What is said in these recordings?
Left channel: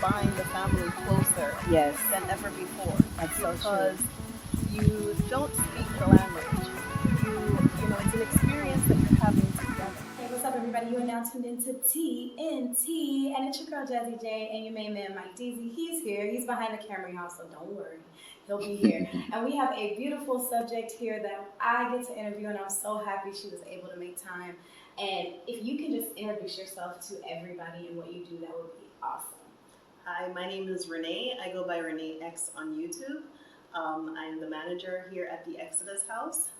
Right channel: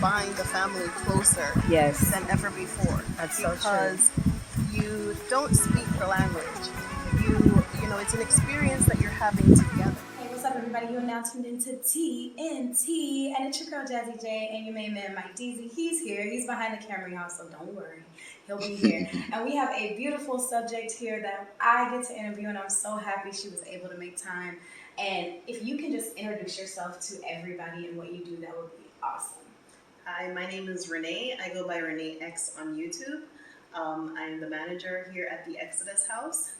bind the family closer Yes. than ever before. That's so true. Because you don't speak the language. You know, it's an experience that you're having together. Hey, what's up, everybody? You are now tuned into TNT, and it's your girl Jazzy J and your main man Mike Deasy. He's here. He's behind the camera, y'all, so don't worry. He'll be here. And we have a beautiful subject here that I get to interview, and I'm so happy she was able to make time. And if you can just introduce yourself to everybody and what you do, that would be awesome. Hi, my name is Renae. I go by Renae X on YouTube. I am the manager here at the Xodus house.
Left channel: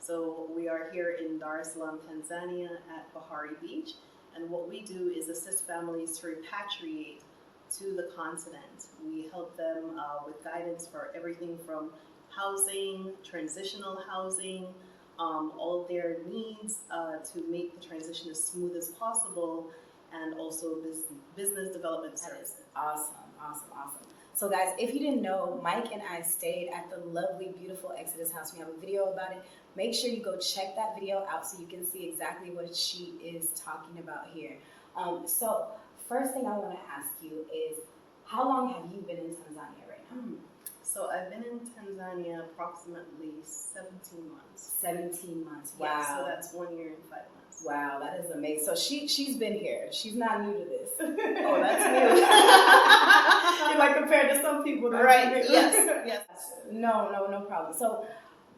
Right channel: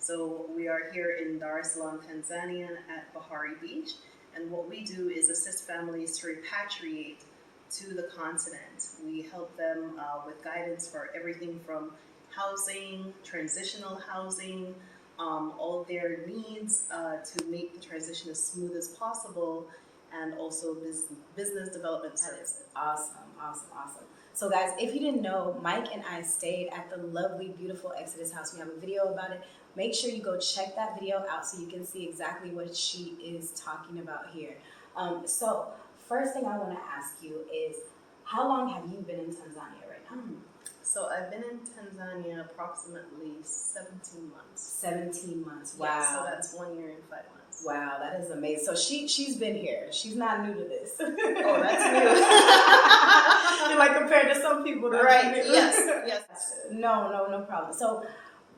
So we are here in Dar es Salaam, Tanzania at Bahari Beach. And what we do is assist families to repatriate to the continent. We help them with guidance for everything from housing, transitional housing, all of their needs to make the transition as smooth as possible, and also business development services. Awesome. So guys, if you didn't know, Mike and I stayed at the lovely, beautiful Xodus house. We have a video about it. Make sure you go check that video out so you can see exactly what she is talking about here. So first thing I want to ask you is, how long have you been in Tanzania right now? So I've been in Tanzania approximately 17 months. 17 months. Wow. Yeah, so that's 1 year and 5 months. Wow, that is amazing. So she's been here. She's not new to this. Oh, that's new. You like compared to some people. Right. Yes. No problem. So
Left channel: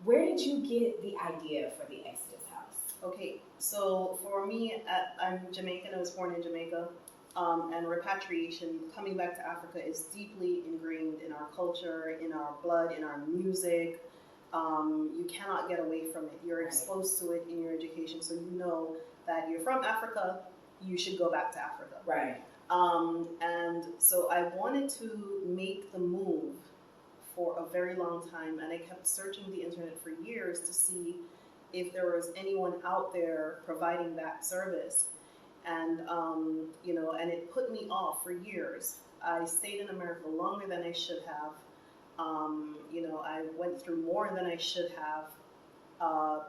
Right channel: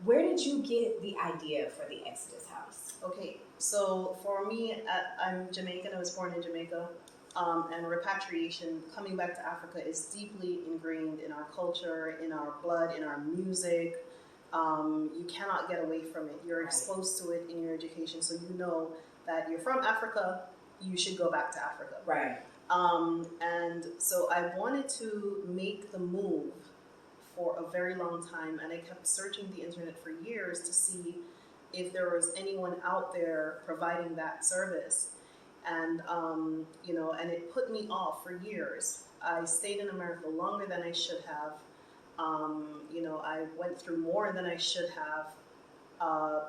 where did you get the idea for the Xodus house? Okay, so for me, I'm Jamaican. I was born in Jamaica. And repatriation, coming back to Africa, is deeply ingrained in our culture, in our blood, in our music. You cannot get away from it. You're exposed to it in your education, so you know that you're from Africa, you should go back to Africa. Right. And so I wanted to make the move for a very long time, and I kept searching the internet for years to see if there was anyone out there providing that service. And, and it put me off for years. I stayed in America longer than I should have. I went through more than I should have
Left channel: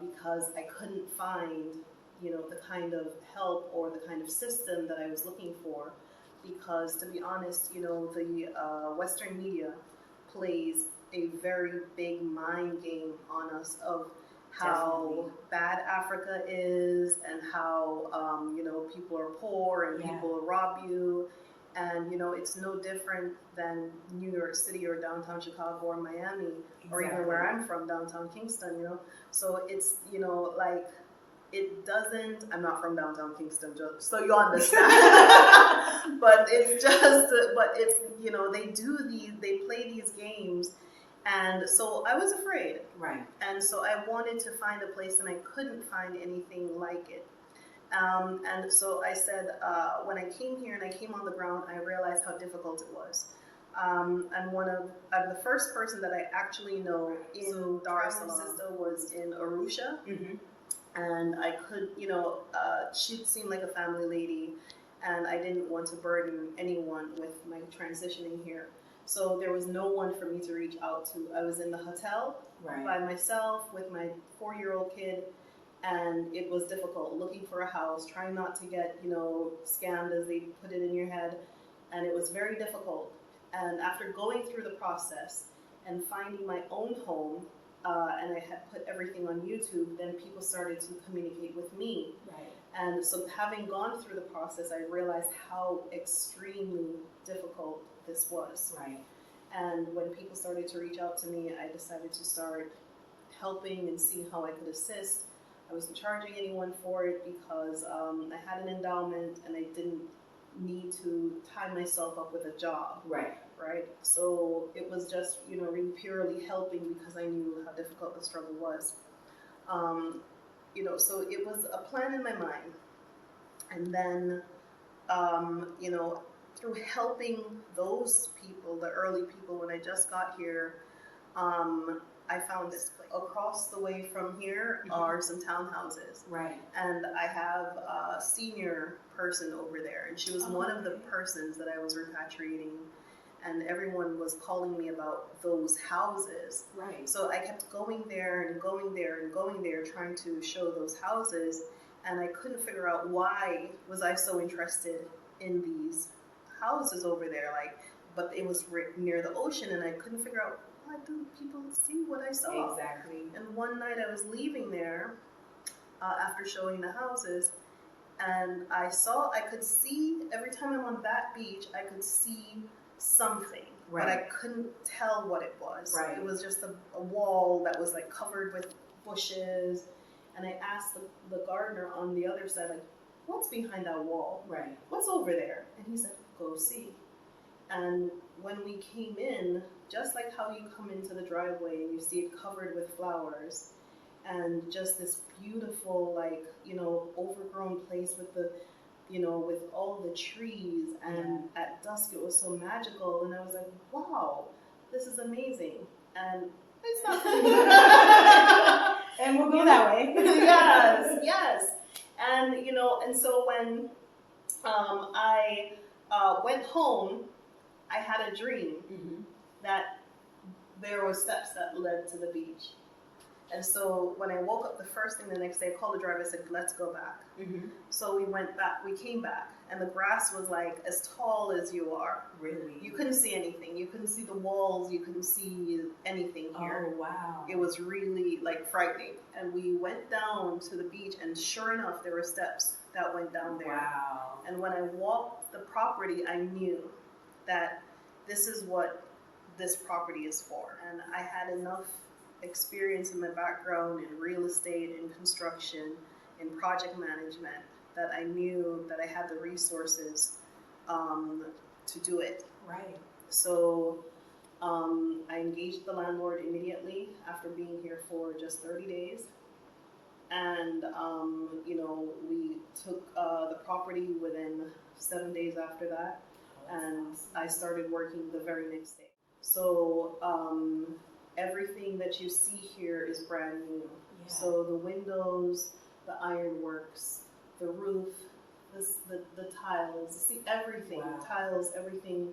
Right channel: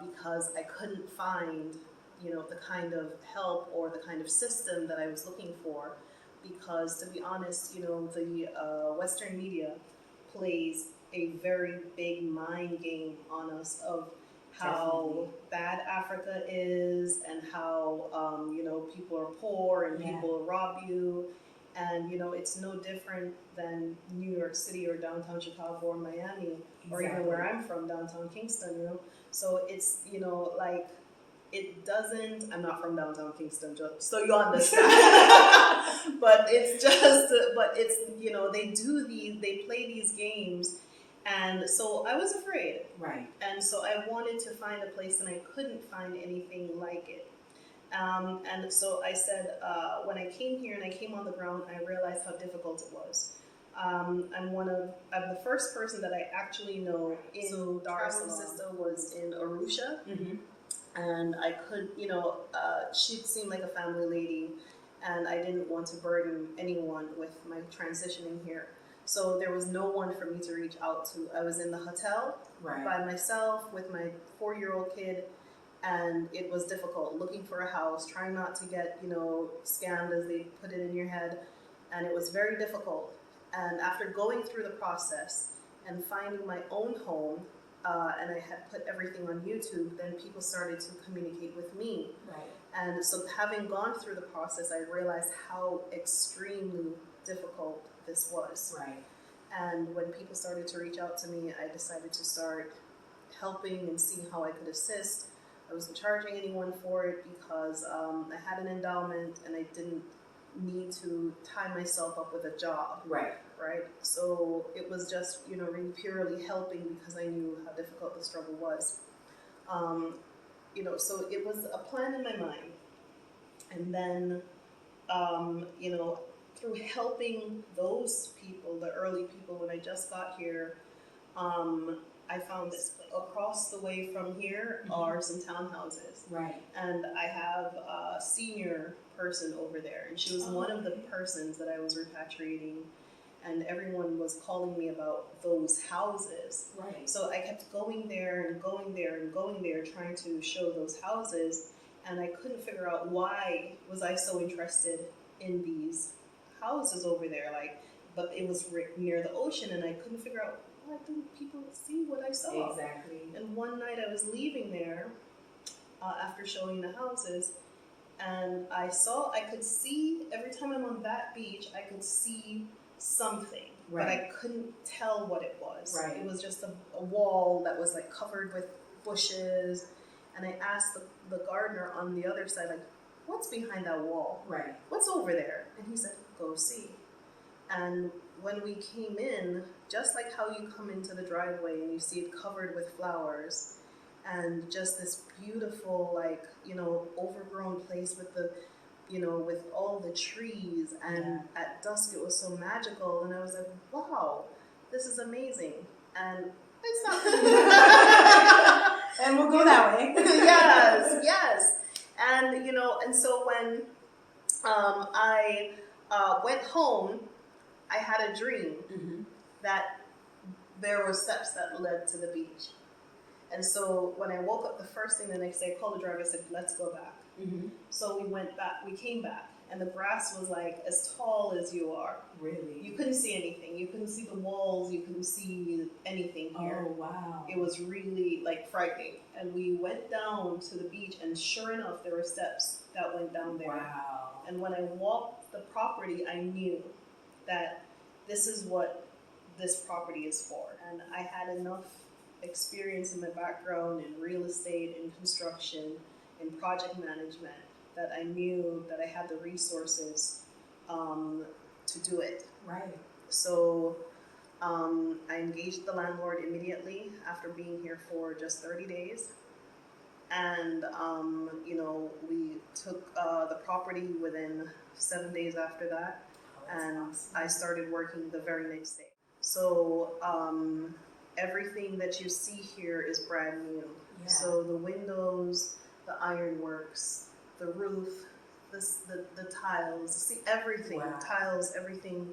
because I couldn't find, the kind of help or the kind of system that I was looking for. Because to be honest, the Western media plays a very big mind game on us of how bad Africa is, and how people are poor and people rob you, and it's no different than New York City or downtown Chicago or Miami, or even where I'm from, downtown Kingston. So it's it doesn't. I'm not from downtown Kingston, just so you understand. but it's they play these games. And so I was afraid. Right. And so I wanted to find a place, and I couldn't find anything like it. And so I said, when I came here and I came on the ground, I realized how difficult it was. I'm the first person that I actually know in Dar es Salaam. My sister was in Arusha, and I could, she seemed like a family lady, and I didn't want to burden anyone with my transitioning here. So there was no one for me to reach out to. I was in the hotel by myself with my 4-year-old kid, and it was difficult looking for a house, trying not to get, scammed, as they put it in your head. And it was very difficult. And after going through the process and finding my own home, and I had put everything on YouTube, then people started to communicate with me. Right. And so having gone through the process, I realized how extremely difficult this was. Right. And when people started to reach out to me, I decided to start helping and see how I could assist. I wasn't charging anyone for it because I had an endowment and I didn't need to tie myself up with a job. Right. So it was just, really purely helping because I knew how difficult the struggle was. So it was a plan in my mind. And then, through helping those people, the early people, when I just got here, I found this place. Across the way from here are some townhouses. Right. And I have a senior person over there, and she was one of the persons that I was repatriating, and everyone was calling me about those houses. Right. So I kept going there and going there and going there, trying to show those houses, and I couldn't figure out why was I so interested in these houses over there, like, but it was near the ocean, and I couldn't figure out why didn't people see what I saw. Exactly. And one night I was leaving there after showing the houses, and I could see, every time I'm on that beach, I could see something, Right. but I couldn't tell what it was. Right. It was just a wall that was like covered with bushes, and I asked the gardener on the other side, like, what's behind that wall? Right. What's over there? And he said, go see. And when we came in, just like how you come into the driveway and you see it covered with flowers, and just this beautiful, like, you know, overgrown place with the, you know, with all the trees, and at dusk it was so magical, and I was like, wow, this is amazing. And it's not and we'll go that way. yes. And, you know, and so when I went home, I had a dream that there were steps that led to the beach. And so when I woke up the first thing the next day, I called the driver, I said, let's go back. So we went back, we came back, and the grass was like as tall as you are. Really? You couldn't see anything. You couldn't see the walls. You couldn't see anything here. Oh, wow. It was really like frightening. And we went down to the beach, and sure enough, there were steps that went down there. Wow. And when I walked the property, I knew that this is what this property is for. And I had enough experience in my background in real estate, in construction, in project management, that I knew that I had the resources to do it. Right. So I engaged the landlord immediately after being here for just 30 days. And, you know, we took the property within 7 days after that. And awesome. I started working the very next day. So everything that you see here is brand new. Yeah. So the windows, the ironworks, the roof, the tiles, see everything, wow. Tiles, everything,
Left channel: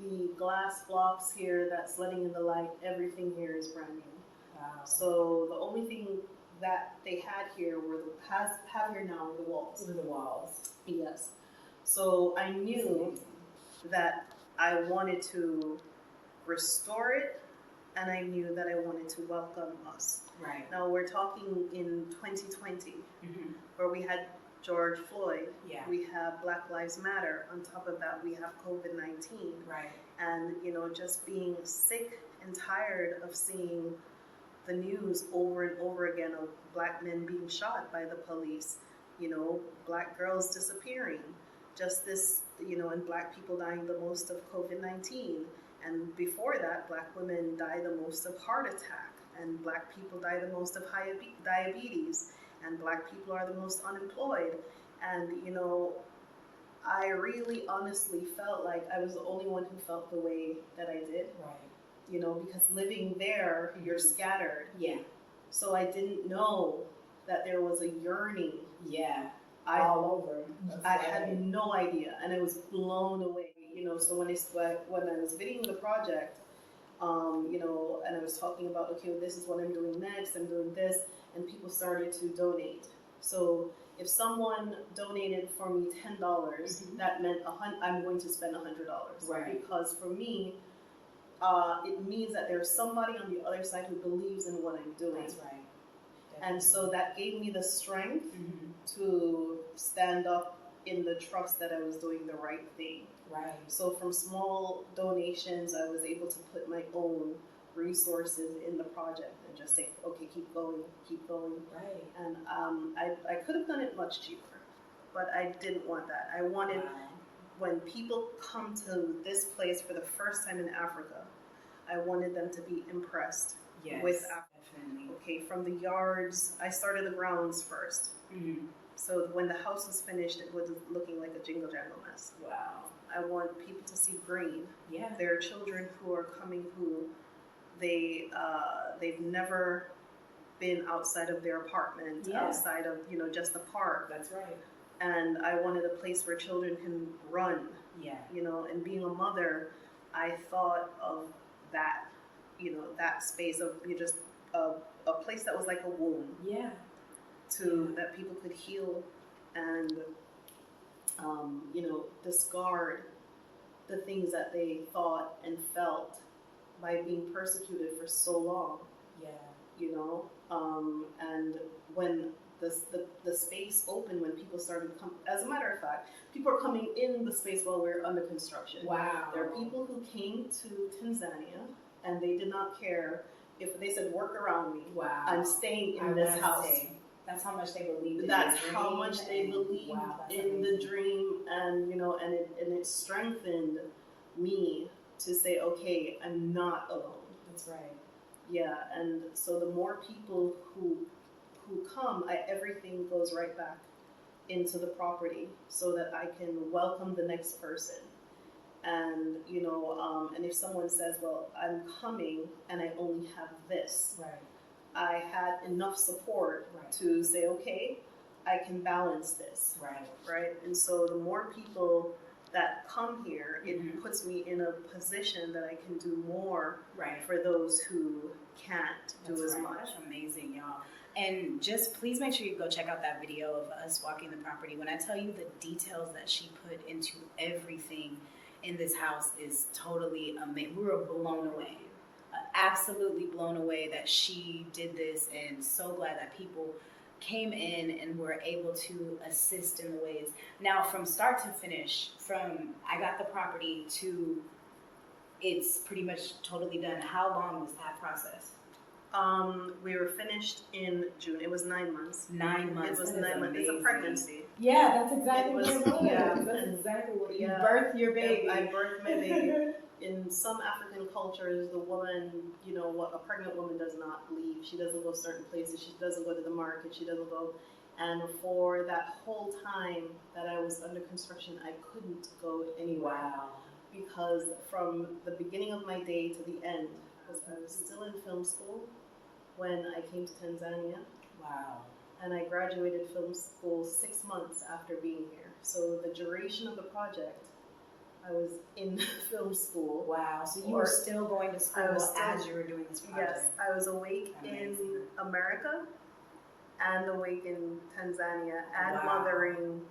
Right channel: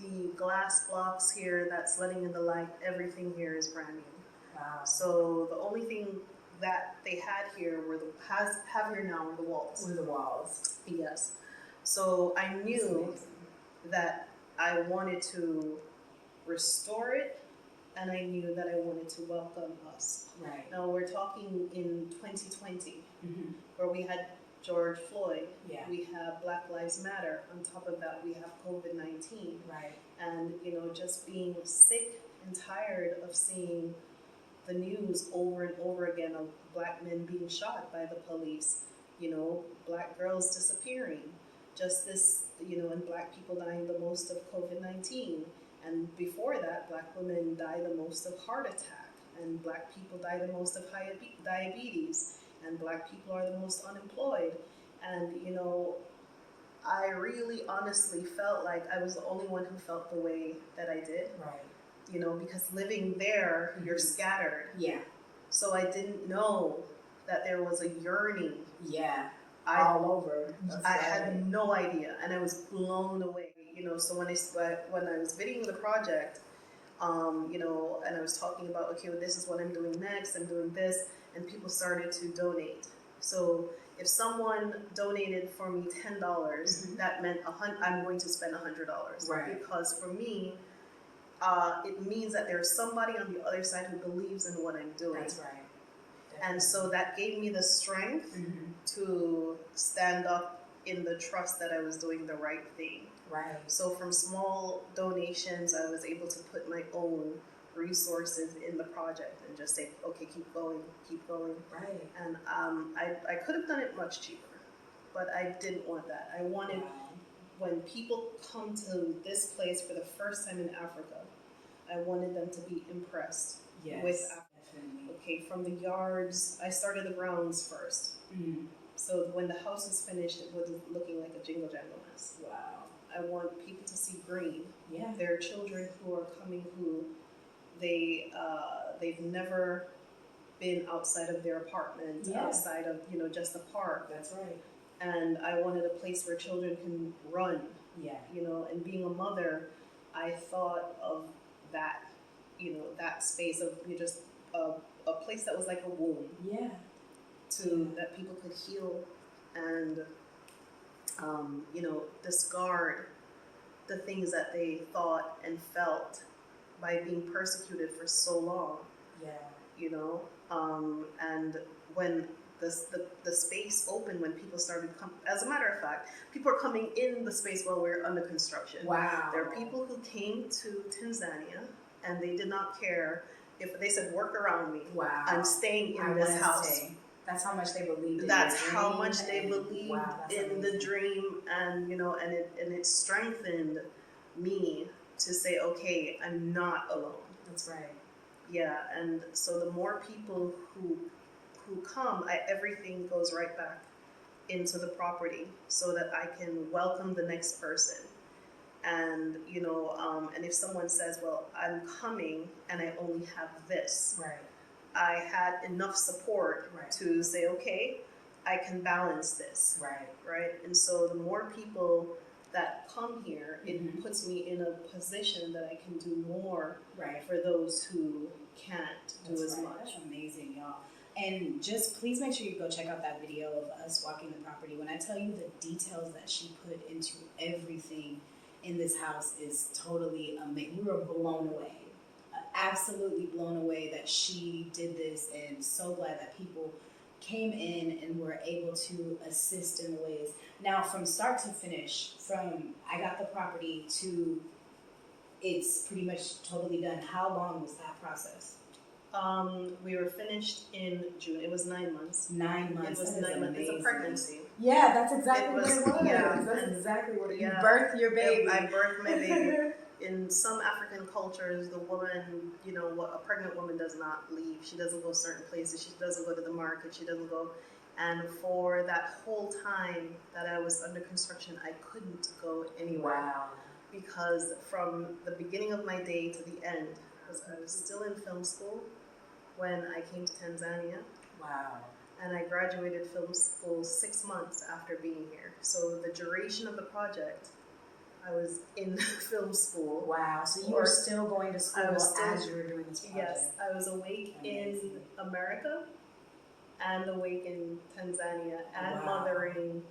the glass blocks here that's letting in the light, everything here is brand new. Wow. So the only thing that they had here were have here now were the walls. Were the walls. Yes. So I knew that I wanted to restore it, and I knew that I wanted to welcome us. Right. Now we're talking in 2020, where we had George Floyd. Yeah. We have Black Lives Matter. On top of that, we have COVID-19. Right. And, you know, just being sick and tired of seeing the news over and over again of Black men being shot by the police, you know, Black girls disappearing, just this, you know, and Black people dying the most of COVID-19. And before that, Black women die the most of heart attack, and Black people die the most of diabetes, and Black people are the most unemployed. And, you know, I really honestly felt like I was the only one who felt the way that I did. Right. You know, because living there, you're scattered. Yeah. So I didn't know that there was a yearning. Yeah. All over. I had no idea, and I was blown away. You know, so when I was videoing the project, you know, and I was talking about, okay, well, this is what I'm doing next, I'm doing this, and people started to donate. So if someone donated for me $10, that meant I'm going to spend $100. Right. Because for me, it means that there's somebody on the other side who believes in what I'm doing. That's right. Definitely. And so that gave me the strength to stand up in the trust that I was doing the right thing. Right. So from small donations, I was able to put my own resources in the project and just say, okay, keep going. Right. And I could have done it much cheaper, but I didn't want that. I wanted, when people come to this place for the first time in Africa, I wanted them to be impressed with Africa. Definitely. Okay, from the yards, I started the grounds first. So when the house was finished, it was looking like a jingle jangle mess. Wow. I want people to see green. Yeah. There are children who are coming who they've never been outside of their apartment, outside of, you know, just the park. That's right. And I wanted a place where children can run. Yeah. You know, and being a mother, I thought of that, you know, that space of just a place that was like a womb. Yeah. That people could heal and, you know, discard the things that they thought and felt by being persecuted for so long. Yeah. You know, and when the space opened, when people started as a matter of fact, people are coming in the space while we're under construction. Wow. There are people who came to Tanzania and they did not care if they said, work around me. Wow. I'm staying in I this wanna house. stay. That's how much they believed in That's the dream. how much they believed Wow, that's in amazing. the dream, and you know, and it strengthened me to say, okay, I'm not alone. That's right. Yeah, and so the more people who come, everything goes right back into the property so that I can welcome the next person. And you know, and if someone says, well, I'm coming and I only have this, Right. I had enough support Right. to say, okay, I can balance this. Right. Right. And so the more people that come here, it Mhm. puts me in a position that I can do more Right. for those who can't do That's as right. much. That's amazing, y'all. And just please make sure you go check out that video of us walking the property. When I tell you the details that she put into everything in this house is totally amazing. We were blown away. Absolutely blown away that she did this, and so glad that people came in and were able to assist in the ways. Now, from start to finish, from I got the property to it's pretty much totally done, how long was that process? We were finished in June. It was 9 months. 9 months. It was That is 9 months. It's a amazing. pregnancy. Yeah, that's exactly It what it was- was. yeah. That's exactly what Yeah. you birthed your baby. I birthed my baby. In some African cultures, the woman, you know, what a pregnant woman does not leave. She doesn't go certain places. She doesn't go to the market. She doesn't go. And for that whole time that I was under construction, I couldn't go anywhere. Wow. Because from the beginning of my day to the end, because I was still in film school when I came to Tanzania, Wow. and I graduated film school 6 months after being here. So the duration of the project, I was in film school. Wow. So you Or- were still going to school I was still- as you were doing this project. Yes, I was awake Amazing. in America and awake in Tanzania and Wow. mothering,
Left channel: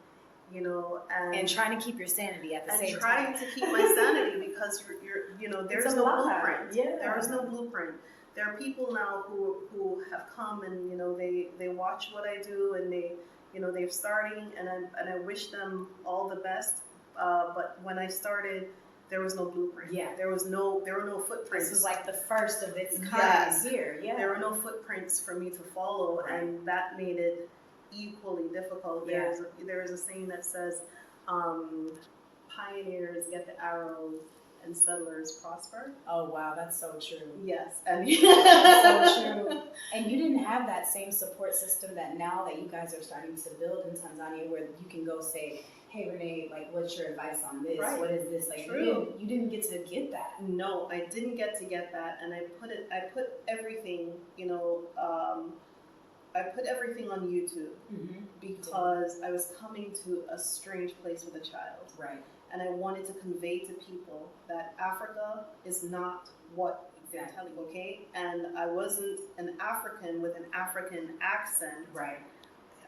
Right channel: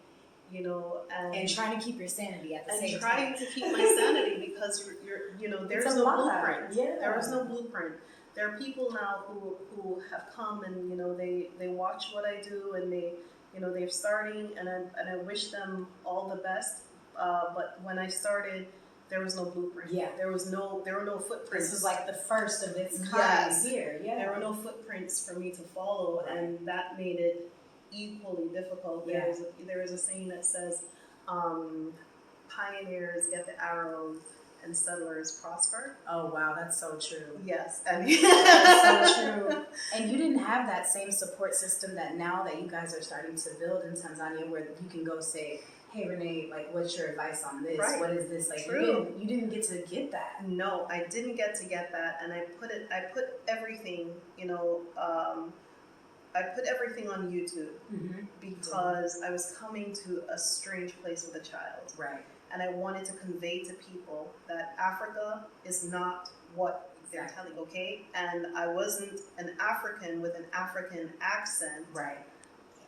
you know, And trying to keep your sanity at the and same trying time. to keep my sanity because you're you know, there's It's a no lot. blueprint. Yeah. There is no blueprint. There are people now who have come and you know they watch what I do and they you know they're starting and I wish them all the best. But when I started, there was no blueprint. Yeah. There were no footprints. This was like the first of its kind Yes. here. Yeah. There were no footprints for me to follow, Right. and that made it equally difficult. Yeah. There is a saying that says, "Pioneers get the arrows, and settlers prosper." Oh wow, that's so true. Yes, and That's so true. And you didn't have that same support system that now that you guys are starting to build in Tanzania, where you can go say, "Hey Renae, like, what's your advice on this? Right. What is this?" Like, True. you didn't get to get that. No, I didn't get to get that, and I put everything, you know, I put everything on YouTube Mm-hmm. because I was coming to a strange place with a child. Right. And I wanted to convey to people that Africa is not what they're Exactly. telling, okay? And I wasn't an African with an African accent. Right.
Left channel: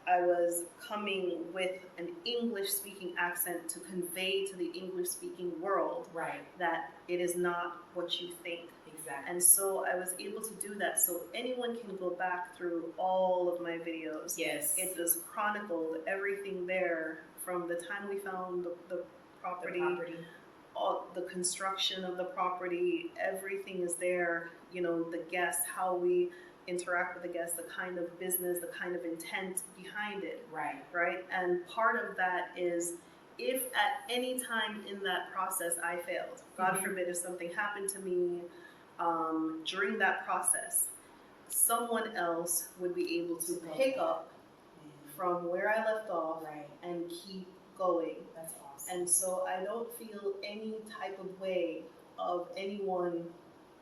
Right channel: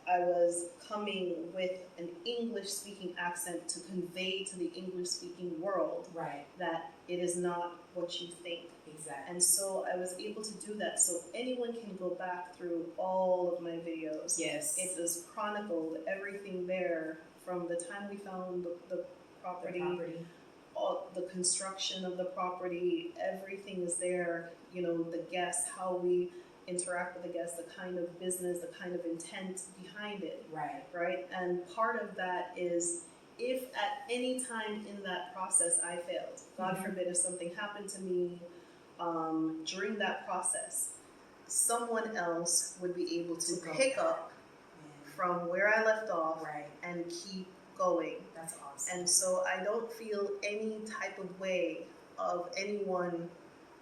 I was coming with an English-speaking accent to convey to the English-speaking world Right. that it is not what you think. Exactly. And so I was able to do that. So anyone can go back through all of my videos. Yes. It is chronicled, everything there, from the time we found the property, The property. all the construction of the property, everything is there. You know, the guests, how we interact with the guests, the kind of business, the kind of intent behind it, Right. right? And part of that is if at any time in that process I failed, God Mhm. forbid if something happened to me during that process, someone else would be able to To go pick back. up from where I left off Right. and keep going. That's awesome. And so I don't feel any type of way of anyone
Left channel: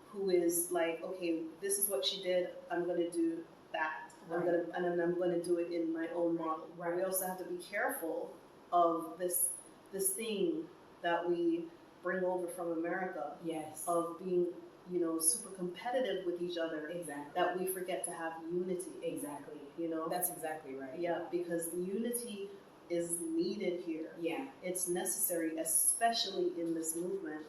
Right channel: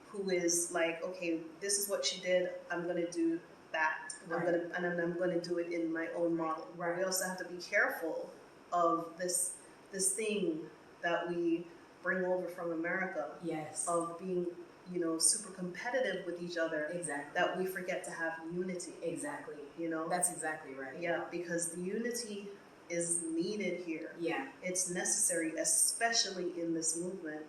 who is like, okay, this is what she did, I'm gonna do that. Right. I'm gonna do it in my own model. Right. We also have to be careful of this thing that we bring over from America Yes. of being, you know, super competitive with each other, Exactly. that we forget to have unity, Exactly. you know? That's exactly right. Yeah, because the unity is needed here. Yeah. It's necessary, especially in this movement.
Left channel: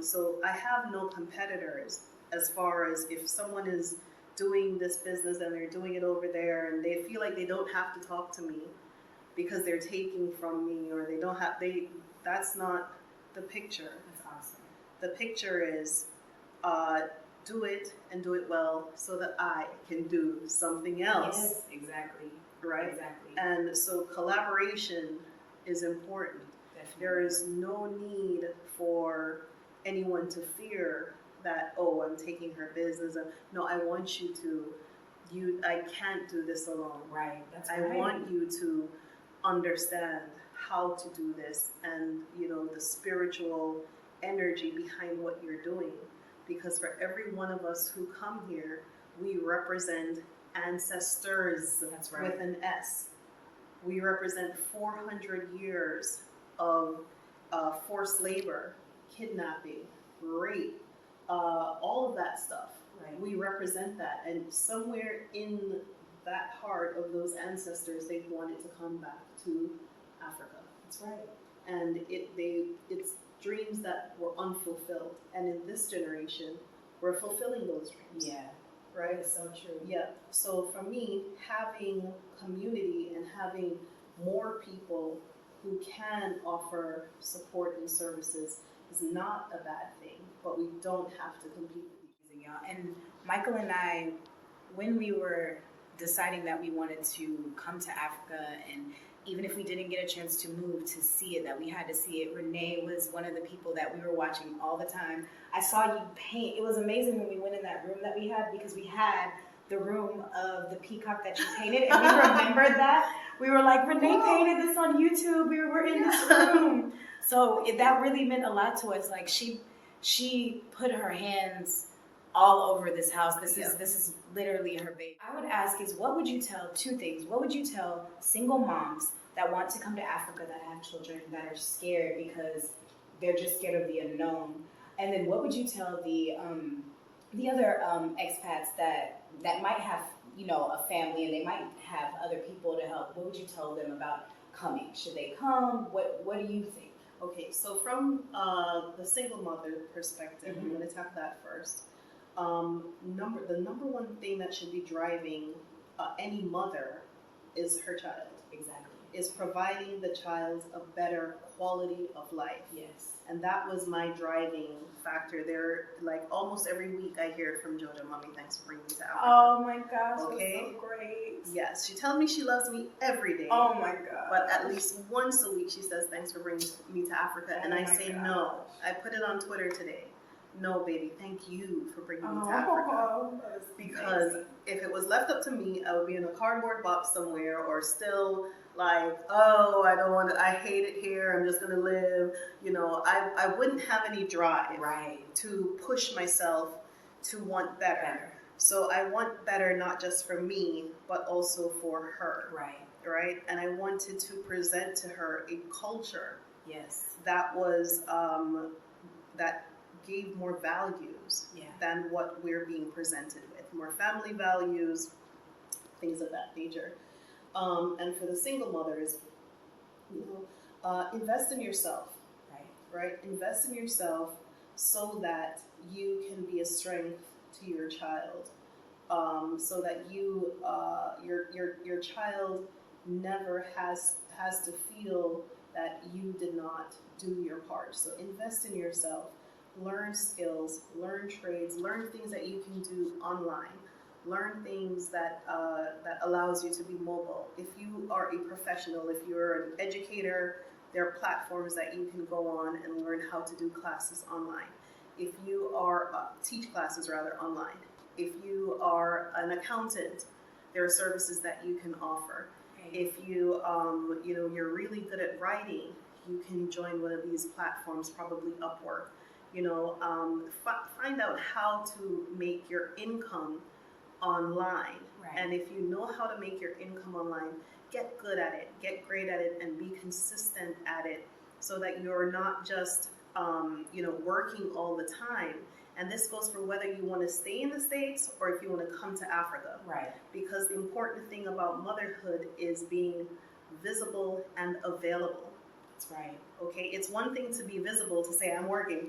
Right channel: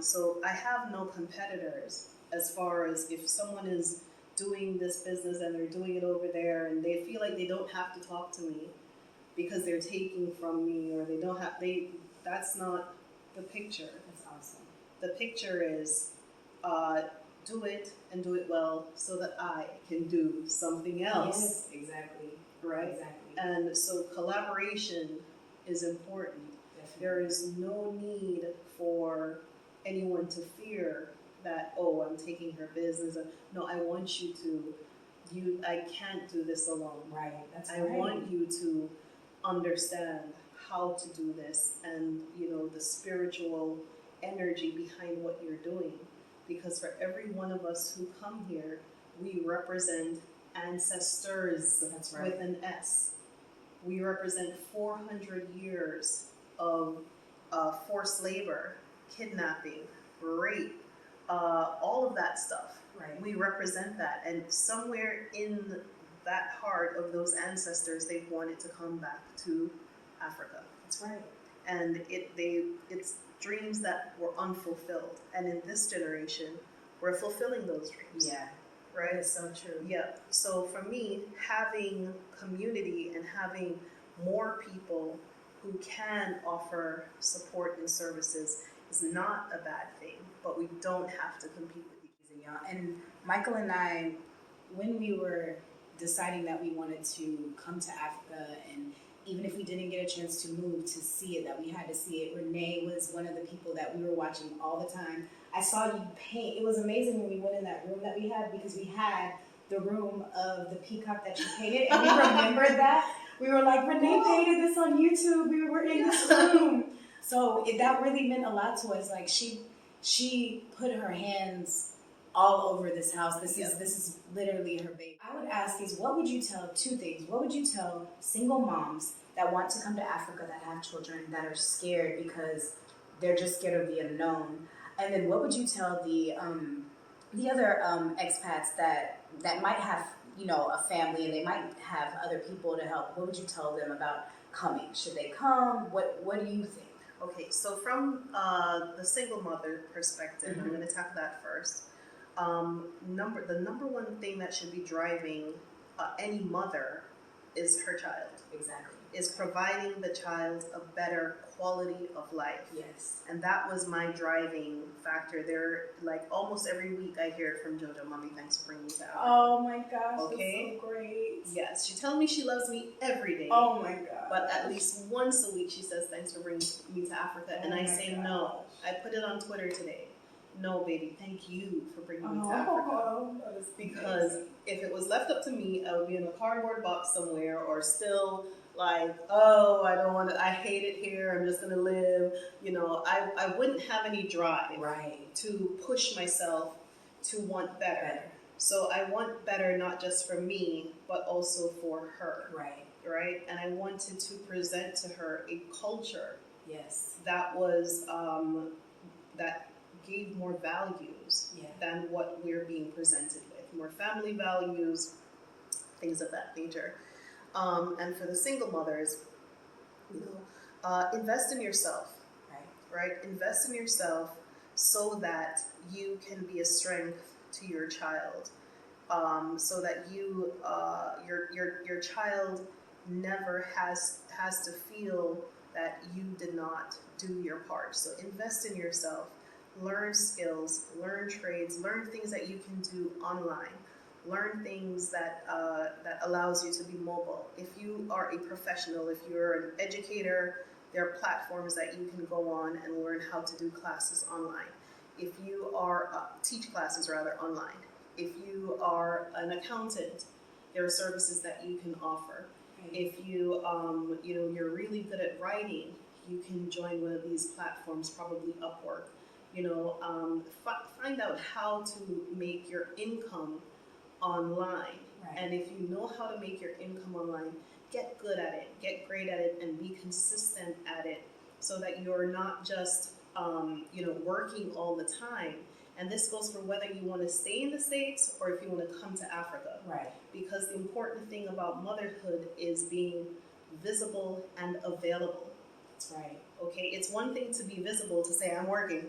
So I have no competitors as far as if someone is doing this business and they're doing it over there and they feel like they don't have to talk to me because they're taking from me, or that's not the picture. That's awesome. The picture is do it and do it well so that I can do something else. Yes, exactly. Right? Exactly. And so collaboration is important. Definitely. There is no need for anyone to fear that, oh, I'm taking her business. No, I want you to, I can't do this alone. Right, that's I right. want you to understand how to do this and, the spiritual energy behind what you're doing. Because for every one of us who come here, we represent ancestors. That's right. With an S. We represent 400 years of forced labor, kidnapping, rape, all of that stuff. Right. We represent that, and somewhere in that heart of those ancestors, they wanted to come back to Africa. That's right. And it's dreams that were unfulfilled, and in this generation, we're fulfilling those dreams. Yeah. Right? That's so true. Yeah. So for me, having community and having more people who can offer support and services is not a bad thing, but we don't have to compete with each other. And Michael and I, when we were deciding that we wanted to come to Africa, and even if we didn't get a chance to move to see it, that we had to see it, Renae was one of the people that we were watching all the time. I saw you paint. It was amazing when we went in that room that we had, because we had the room of the peacock that you painted, and we remembered that. We were like, Renae painted this on YouTube. We were in this room. So that really meant a lot to us. Like she put her hands all over this house. This is literally her baby. I would ask is, what would you tell, two things. What would you tell single moms that want to come to Africa, that have children, that are scared because they're just scared of the unknown? And then what would you tell the other expats that might have, a family and they might have other people to help? What would you tell them about coming? Should they come? What do you think? Okay, so from the single mother perspective, I'm going to tackle that first. The number one thing that should be driving any mother is her child. Exactly. Is providing the child a better quality of life. Yes. And that was my driving factor. There, like almost every week I hear it from JoJo, Mommy, thanks for bringing me to Africa. Oh my gosh, okay? That's so great. Yes, she tells me she loves me every day. Oh my god. But at least once a week she says, thanks for bringing me to Africa. And I say, no. I put it on Twitter today. No, baby, thank you for bringing me to Africa. Because if it was left up to me, I would be in a cardboard box somewhere, or still like, oh, I don't want to, I hate it here, I'm just going to live. I wouldn't have any drive to push myself to want better. So I want better not just for me, but also for her. Right? And I wanted to present to her a culture that was, that gave more values than what we're being presented with. More family values, things of that nature. And for the single mothers, invest in yourself. Right? Invest in yourself so that you can be a strength to your child. So that your child never has to feel that you did not do your part. So invest in yourself. Learn skills, learn trades, learn things that you can do online. Learn things that allows you to be mobile. If you are a professional, if you're an educator, there are platforms that you can go on and learn how to do classes online. If you are teach classes rather online. If you are an accountant, there are services that you can offer. If you you're really good at writing, you can join one of these platforms, probably Upwork. Find out how to make your income online. And if you know how to make your income online, get good at it, get great at it, and be consistent at it, so that you're not just working all the time. And this goes for whether you want to stay in the States or if you want to come to Africa. Because the important thing about motherhood is being visible and available. That's right. Okay, it's one thing to be visible, to say, I'm working,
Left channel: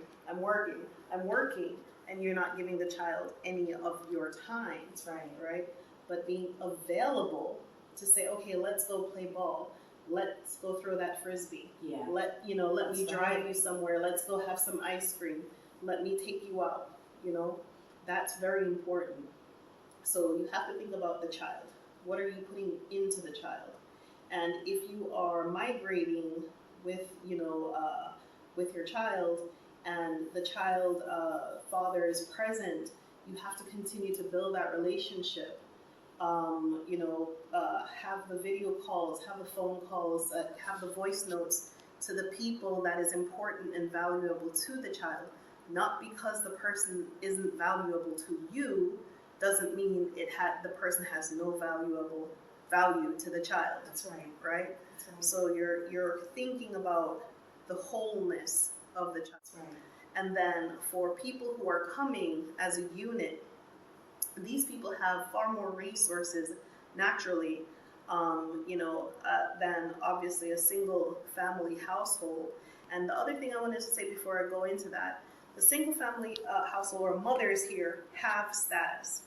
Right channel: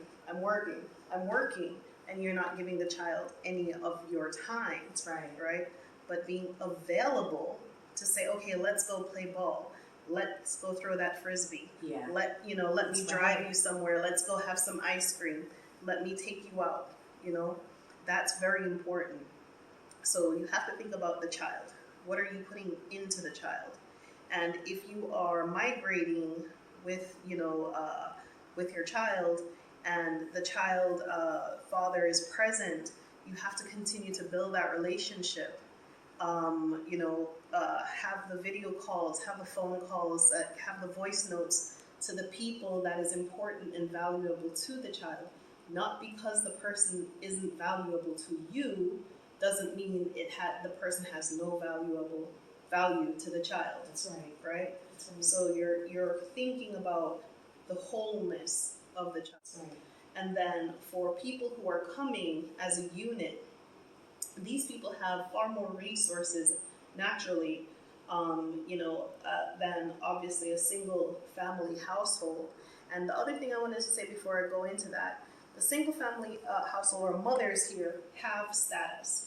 and you're not giving the child any of your time. That's right. Right? But being available to say, okay, let's go play ball. Let's go throw that frisbee. Yeah. Let me drive you somewhere. Let's go have some ice cream. Let me take you out. That's very important. So you have to think about the child. What are you putting into the child? And if you are migrating with your child, and the child father is present, you have to continue to build that relationship. Have the video calls, have the phone calls, have the voice notes to the people that is important and valuable to the child. Not because the person isn't valuable to you doesn't mean the person has no value to the child. That's right. Right? That's right. So you're thinking about the wholeness of the child. That's right. And then for people who are coming as a unit, these people have far more resources naturally, than obviously a single family household. And the other thing I wanted to say before I go into that, the single family household or mothers here have status.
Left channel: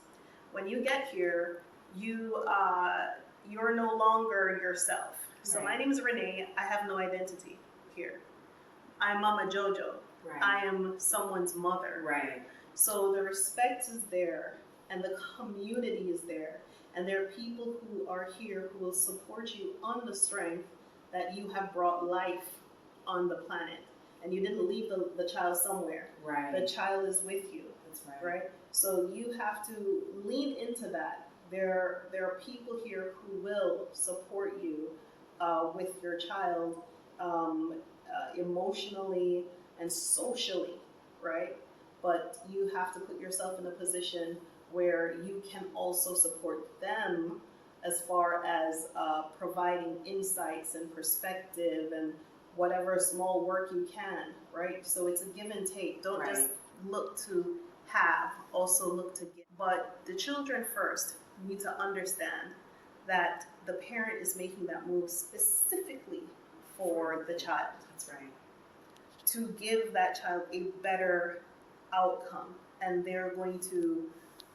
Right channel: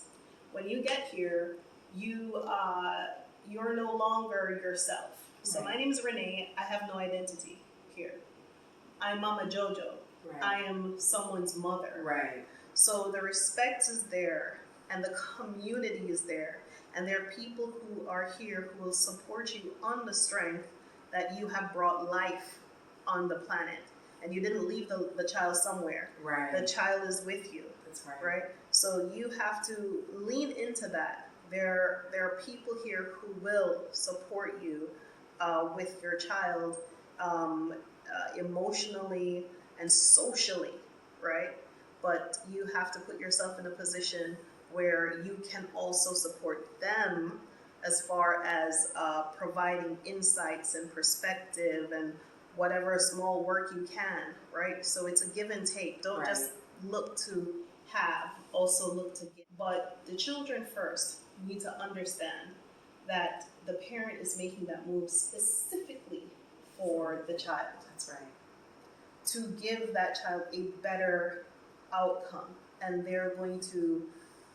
When you get here, you're no longer yourself. So Right. my name is Renae. I have no identity here. I'm Mama Jojo. Right. I am someone's mother. Right. So the respect is there, and the community is there, and there are people who are here who will support you on the strength that you have brought life on the planet, and you didn't leave the child somewhere. Right. The child is with you. That's right. Right? So you have to lean into that. There are people here who will support you with your child emotionally and socially, right? But you have to put yourself in a position where you can also support them as far as providing insights and perspective and whatever small work you can, right? So it's a give and take. Don't Right. just look to have, also look to give. But the children first need to understand that the parent is making that move specifically for the child, That's right. to give that child a better outcome, and they're going to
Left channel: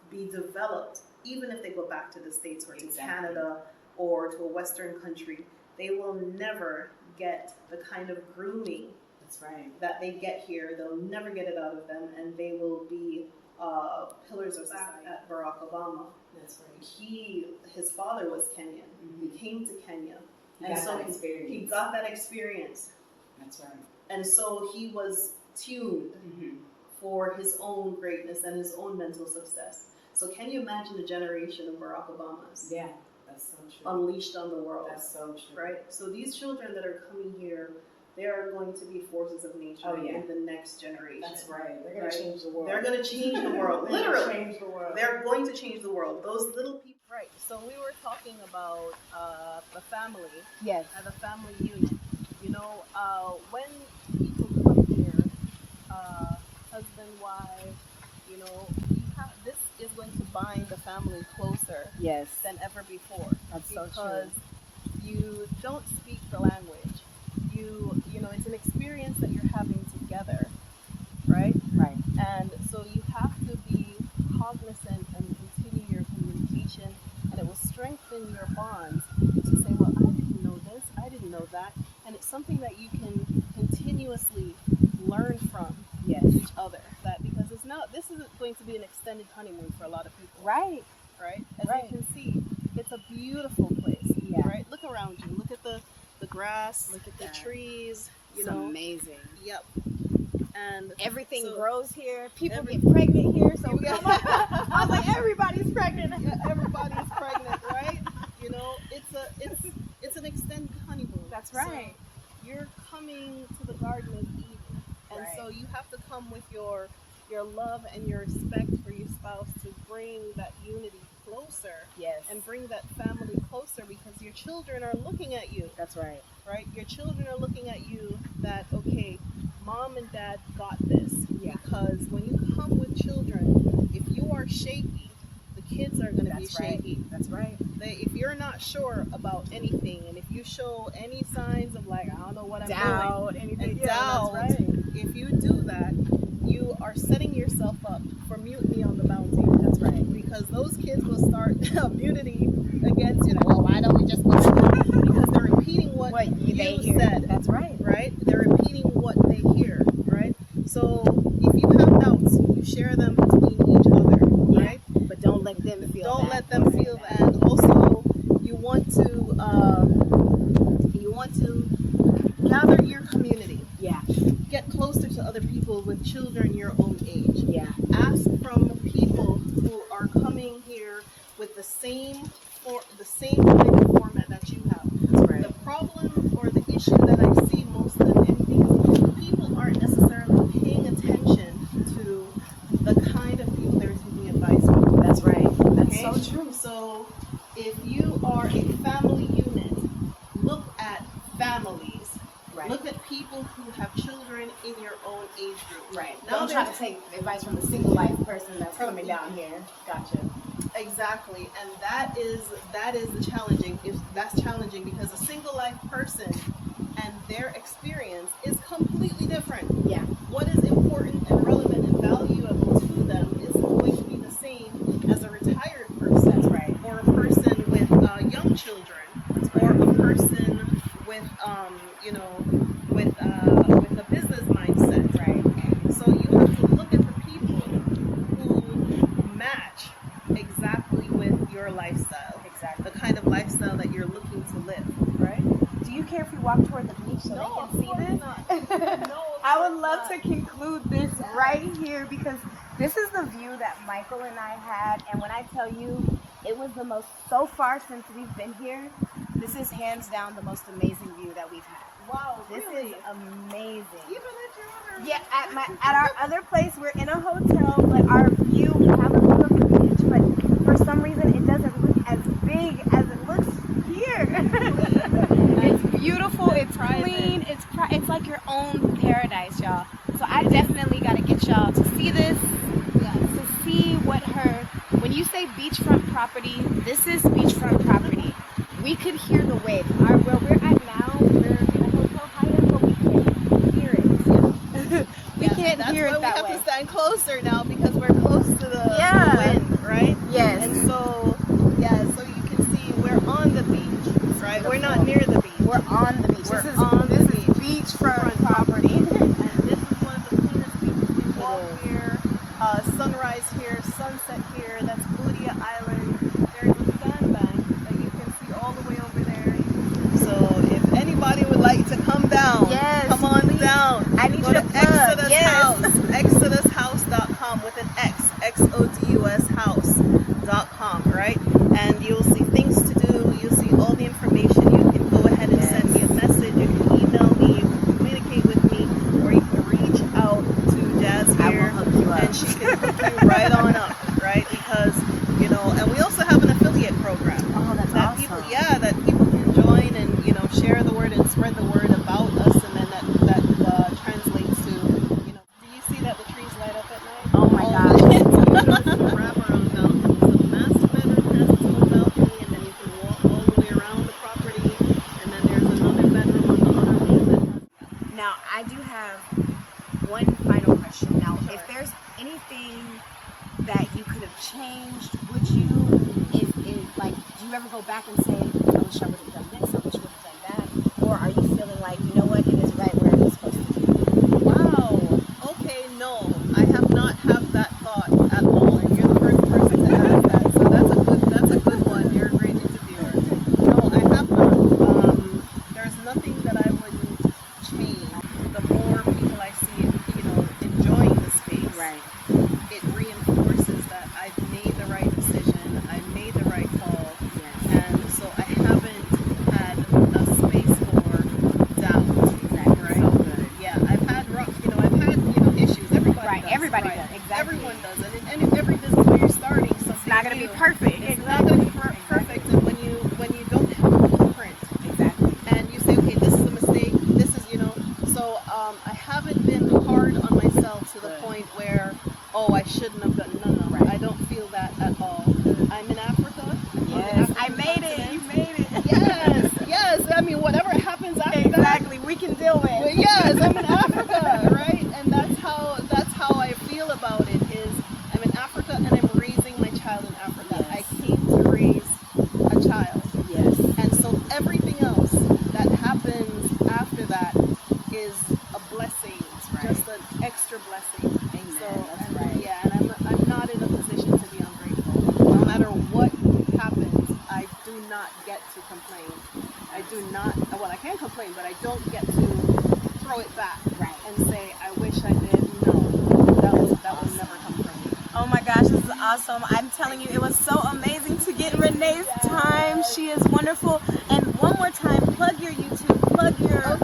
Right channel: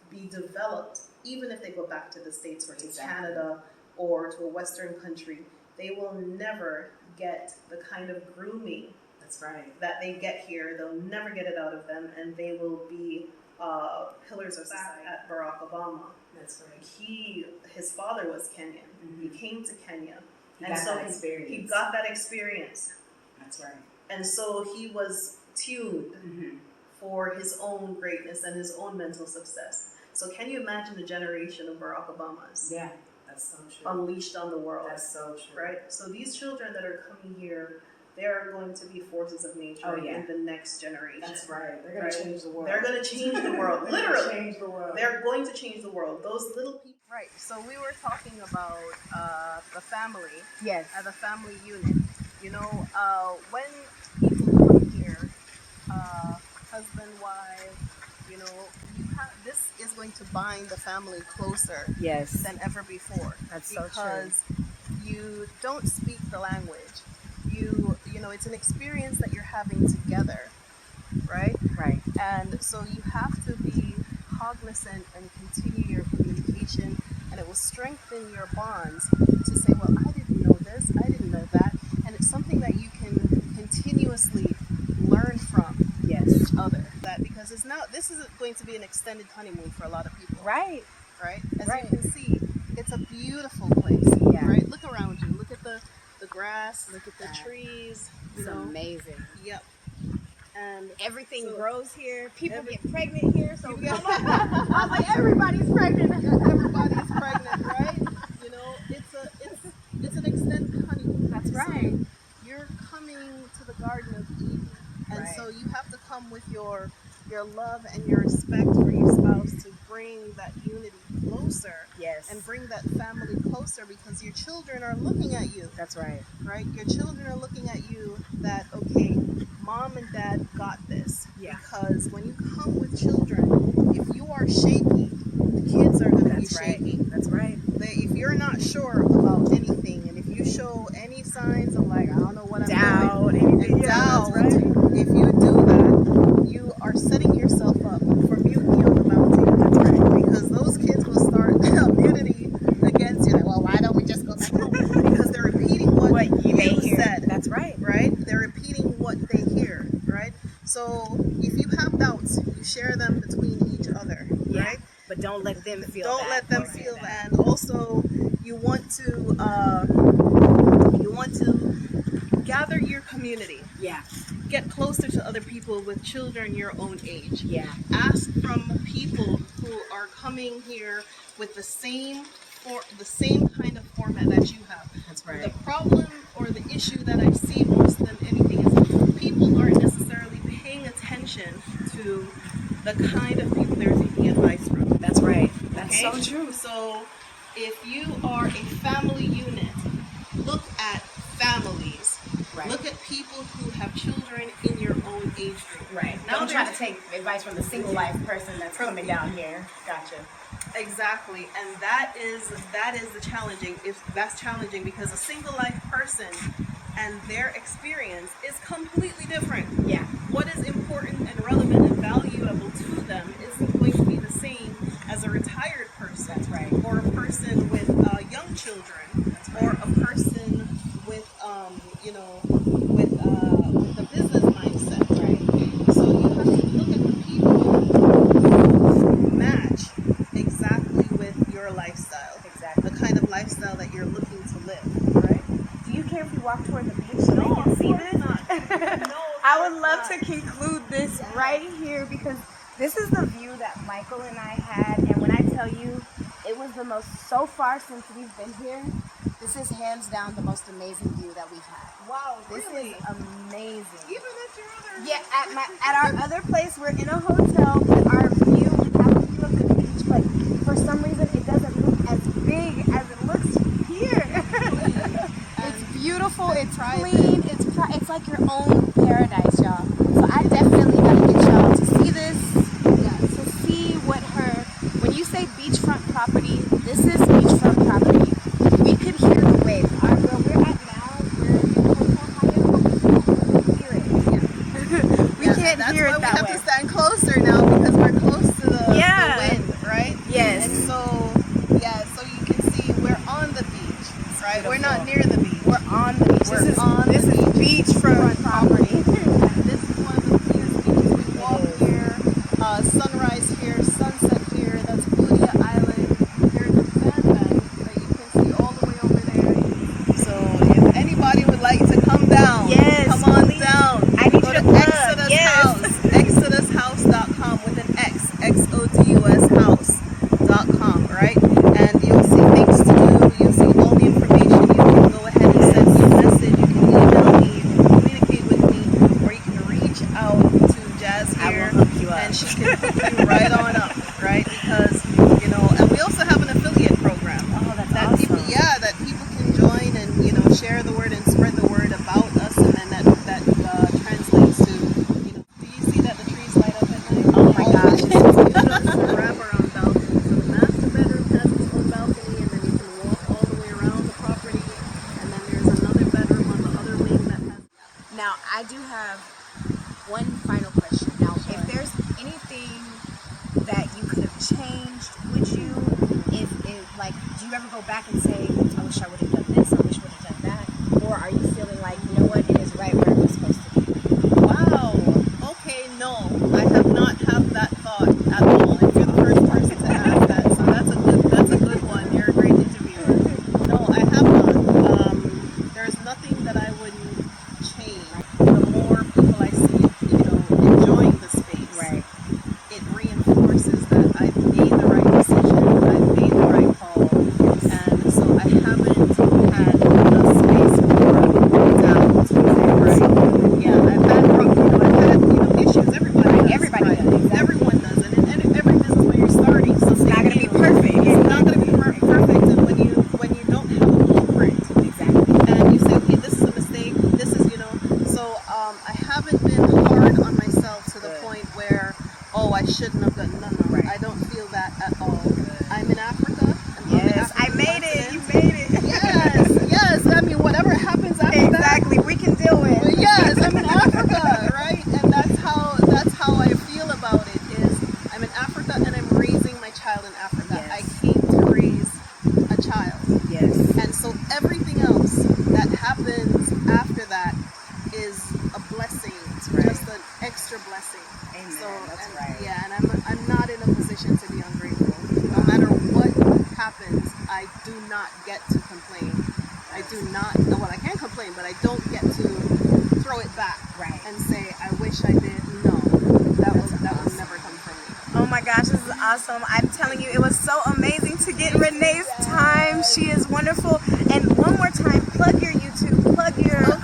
be developed even if they go back to the States or to Exactly. Canada or to a Western country. They will never get the kind of grooming That's right. that they get here. They'll never get it out of them, and they will be pillars of society. At Barack Obama, That's right. his father was Kenyan. Mhm. He came to Kenya, He and got so that experience. he got that experience, That's right. and so he was tuned Mm-hmm. for his own greatness and his own mental success. So can you imagine the generation of Barack Obamas Yeah, that's so true. unleashed on the world, That's so true. right? So these children that are coming here, they are going to be forces of nature Oh, yeah. in the next generation. That's right. They're gonna Right. change the world. They're going to change the world, They're gonna literally. change the world. They're going to change the world. Those little people. Right. So we were talking about the family Yes. as a family unit. When people come here, husband, wife, this is going to bind the family closer Yes. than ever before. That's so true. Because you don't speak the language. It's an experience that you're having together, right? Right. And so you have to be cognizant and continue your communication, and it will strengthen your bonds to say, well, I didn't know this, I didn't know that, and it's something that you can continuously learn from Yes. each other. Because this is going to be an extended honeymoon for a lot of people, Right. right? As Right. you can see, it's a beautiful place, Yeah. right? Look around you, look at the grass, look at the that. trees, It's amazing. Yep. And Everything So- grows here. People get pregnant here. So You get- I was like, everybody's pregnant. everybody's pregnant, right? It's an extended honeymoon. That's So right. you're coming to the Garden of Eden, and Right. so you have to come with your love and your respect for your spouse to bring that unity closer Yes. and bring that family closer, because your children are looking at you, That's right. right? Your children are looking at you that, okay, mom and dad got this. Yeah. Because when you come with children, if you are shaky, the kids are going to be That's right. shaky. That's right. If you're not sure about anything, and if you show any signs of like, I don't know what I'm Doubt, doing, anything, and yeah, doubt, that's right. if you do that, you are setting yourself up for mutiny on the mountain. That's right. Because those kids will start mutiny against you. Well, why don't we just go back home? Because they're repeating what they you hear. said. That's right. Right? They're repeating what they hear. Right? So if you have doubts, you share them between each other. Right? But don't let them feel Don't that. let them feel that. And also, you want to gather your community. Yeah. Get closer to other people with children your own age. Yeah. Ask from people who are coming here with the same kind of format that you have. That's right. The problem or the issue that I see more than anything is people aren't necessarily paying attention to the kind of people they're taking advice from. That's right. That's Okay? so true. So if you are a family unit, look at families. Right. Look at people who have children in your own age group. Right. Now Don't try there's- to take advice from the single life person that's coming down here. Gotcha. Exactly, and that is the challenging. That's challenging because a single life person and their experience is completely different. Yeah. What is important and relevant and valuable to them isn't going to be the same as a retired person. That's right. Or a person with young children. That's Or right. a person with with a business mindset. Right. So you have to look at the people who match exactly with your lifestyle. Exactly. The kind of lifestyle that you're looking to live, right? Do you care if we walk toward the beach so they can see this? Not. No, I would love to conclude this right here because this is the view that Michael and I had, and when I tell you it was the most, so far since we've been here, this is hands down the most amazing view that we've had. Wow, This really? is amazing. Even at your other Yeah, at our other place, we're in a hotel, but our view, we have a view of the beach, but for some reason it doesn't look as big as it looks here. It's beautiful, it's clean, it's like your own paradise, y'all. So I definitely gotta get y'all to see this, to see what when you say beachfront property, this is beachfront property. We could hear the wave. Where we're at now, we're in a hotel high, but we can hear it. We can't hear it that way. That's why we have to stand closer now because we're close to the wind, right? Yes. And so you can see we're on the beach, right? We're not near the beach. We're on the beach. This is beachfront property. And this is one of the things we walk here, sunrise here, sunset here. That's Budia Island. There's a sandbank that you can see all the way over there. So if anybody would like to come down, Yes, come on please. down. I need Go you to to plug. Exodus Yes. House, exodushouse.com with an X, Xodus house.com, right? And you'll see things to do. You'll see all the information. You can go ahead and send me a message. You can email me. You can communicate with me, or you can reach out to Jazz here. I will hook you up. And she can hook you right on up, right? Because and we also have an affiliate program. Oh, that's That awesome. that people can join and share the word and spread the word about us, and then that translates to do you see that the trees light up at night? Oh my gosh. Forever on balcony. So the master bedroom has its own balcony, and then you can walk all the way around the property, and then there's another bedroom with another wing that has. Now, I do have one final question. Now, Sure. if there's anything that you could have changed, would you? Like, do you ever go back and say, I wish I would have done this, I wish I would have done that? Or are you feeling like, you know what, it is right where it was supposed to be? Wow. Okay, no, I have not had that thought at all. And you're the first person to ask that, so that's a good one. You're a great interviewer. No, I haven't. There's nothing that I wouldn't change. The more people I see, enjoying the space, Right. it reinforces that I've made the right decision, I've made the right call, and so I haven't had the space for doubt. extra blessing. Amen. So That's and, right. yeah, and I'm not in a position to be ungrateful. No matter what happens, I do not get to complain. I do not. Well, I can complain, but I don't get to throw it back Right. and say I wish I did. No, that will never come from me. Oh my gosh, this is awesome. I'm telling you, it was so amazing to get Renee's time. She is wonderful. And one more time, plug your YouTube, plug your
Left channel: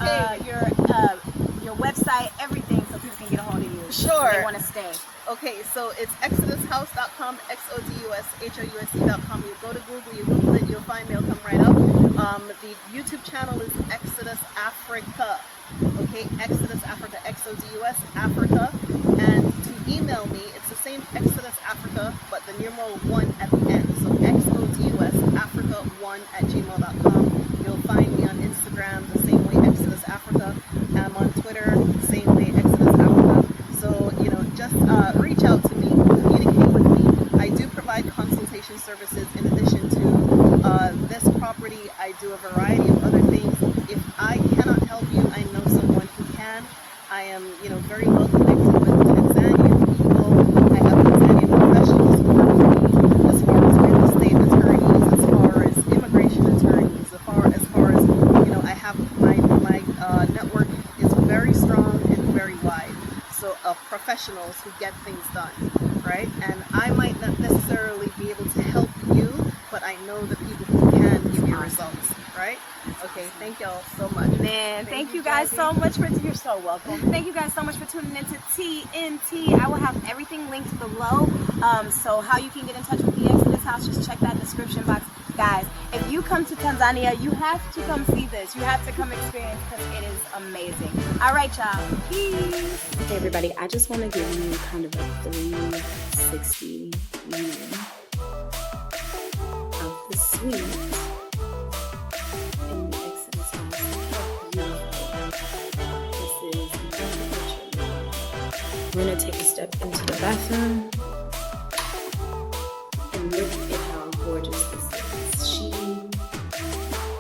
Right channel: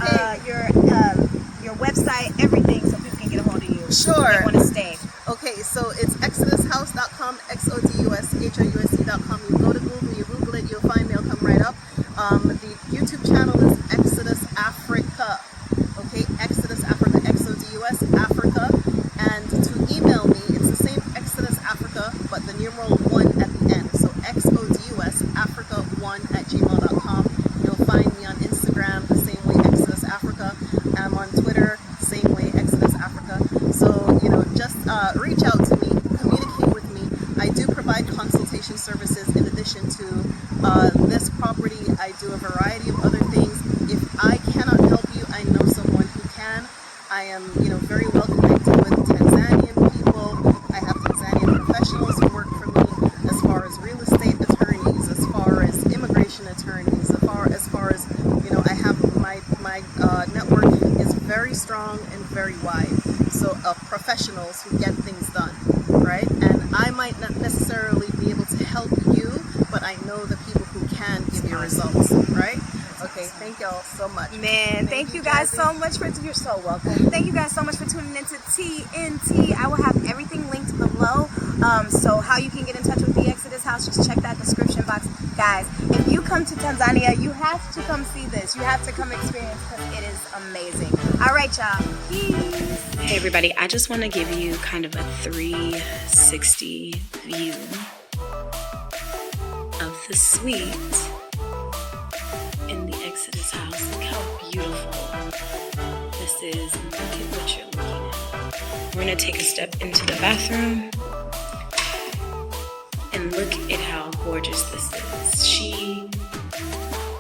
website, everything, so people can get a hold of you. Sure. They want to stay. Okay, so it's exodushouse.com, XODUSHOUSE.com. You go to Google, you Google it, you'll find me, it'll come right up. The YouTube channel is Exodus Africa. Okay, Exodus Africa, XODUS Africa. And to email me, it's the same Exodus Africa, but the numeral 1 at the end. So XODUS Africa1@gmail.com. You'll find me on Instagram the same way, Exodus Africa. I'm on Twitter, the same way, Exodus Africa. So, just reach out to me, communicate with me. I do provide consultation services in addition to this property. I do a variety of other things. If I cannot help you, I know someone who can. I am, very well connected with Tanzanian people. I have Tanzanian professionals who work for me as far as real estate attorneys, as far as immigration attorneys, as far as I have my network is very strong and very wide. So professionals who get things done, right? And I might not necessarily be able to help you, but I know the people who can give you results, right? Okay, thank y'all so much. Man, thank you guys so much you're so welcome. Thank you guys so much for tuning into TNT. I will have everything linked below. So how you can get in touch with the Exodus House, just check that description box. Guys, if you come to Tanzania, you have to come see this. You have to come experience because it is amazing. All right, y'all. Peace. Hey, everybody. I just want to give you kind of a 360 view of the suite in the Exodus House. Look how beautiful this is. Look at what you're looking at. We're going to take a step into the bathroom and look at how gorgeous this is. She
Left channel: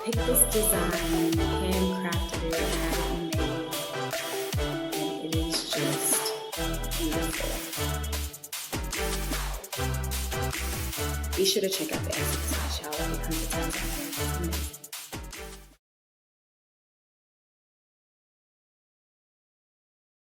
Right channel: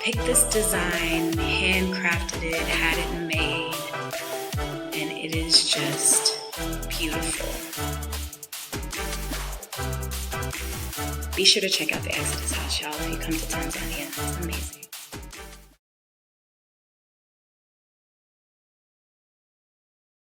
picked this design, handcrafted it, had it made, and it is just beautiful. Be sure to check out the Exodus House, y'all, if you come to Tanzania. It's amazing.